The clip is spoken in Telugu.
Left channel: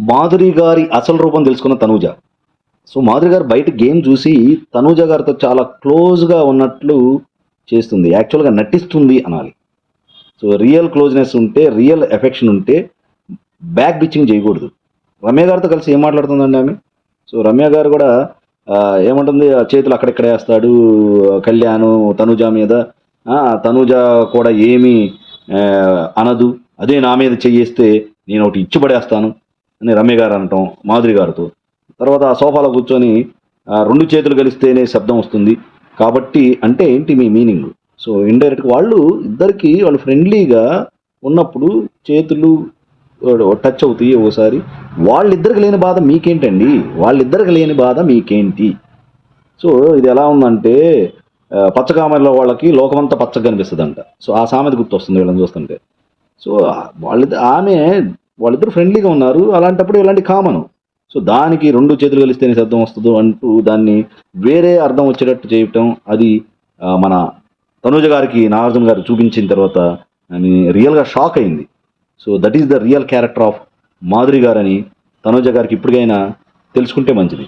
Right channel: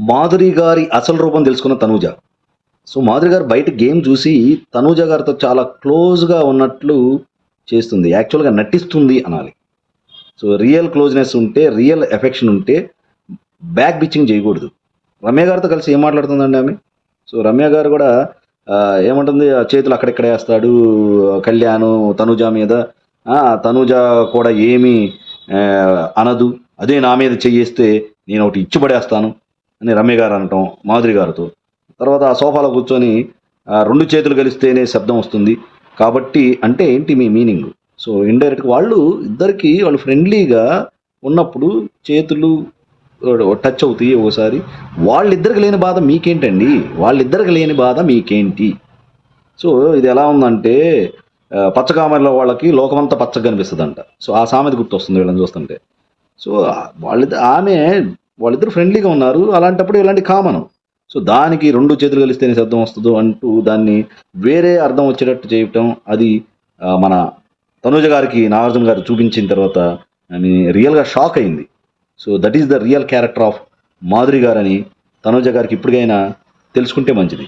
మాధురి గారి అసలు రూపం తెలుసుకున్న తనూజ. సో మాధురి గారు బయట గేమ్ చూసి తనూజ గారితో చాలా క్లోజ్గా ఉన్నట్లు చేస్తుంది. యాక్చువల్గా నటిస్తుంది అనాలి. సో రియల్ క్లోజ్నెస్ ఉంటే రియల్ ఎఫెక్షన్ ఉంటే బ్యాక్ బిచ్చింగ్ చేయకూడదు. రమ్య గారితో కలిసి ఏం మాట్లాడుతుందండి ఆమె? సో రమ్య గారు కూడా ఏముంటుంది? ఆ చేతులు అక్కడెక్కడ వేస్తాడు కళ్యాణ్ తనుజ మీద. ఆ, తనుజ కూడా ఏమి అనదు. అదే నా మీద చెయ్యేస్తే నేను ఒకటి ఇచ్చి పడేస్తాను అని రమ్య గారు అనటం మాధురి గారితో. తర్వాత ఆ సోఫాలో కూర్చొని రెండు చేతులు కలిస్తేనే శబ్దం వస్తుంది. కాబట్టి అంటే ఏంటి మీ మీనింగ్? సో ఇండైరెక్ట్ వాళ్ళు ఇద్దరికి వాళ్ళు ఫ్రెండ్లీగా ఉన్నప్పుడు చేతులు టచ్ అవుతాయి ఒకసారి. వాళ్ళిద్దరికి లేని బాధ మీకేంటండి? వాళ్ళిద్దరికి లేని బాధ మీకేంటి? సో ఇది ఎలా ఉందంటే ఆ, పచ్చకామెరలో వాళ్ళకి లోకమంతా పచ్చగా కనిపిస్తుందంట సో ఆ సామెత గుర్తొస్తుంది వీళ్ళని చూస్తుంటే. సో వాళ్ళిద్దరు ఆమె వాళ్ళిద్దరు ఫ్రెండ్లీగా ఉన్నారు. అలాంటప్పుడు ఇలాంటి కామన్. సో దానికి రెండు చేతులు కలిస్తేనే శబ్దం వస్తుందో అంటూ దాన్ని వేరే అర్థం వచ్చేటట్టు చేయటం అది మన తనుజ గారికి నాగార్జున గారు చూపించిన తర్వాత రియల్గా షాక్ అయింది. So that is the real character of Madhuri గారని తనుజ గారికి ఇప్పటికైనా తెలుసుకుంటే మంచిది.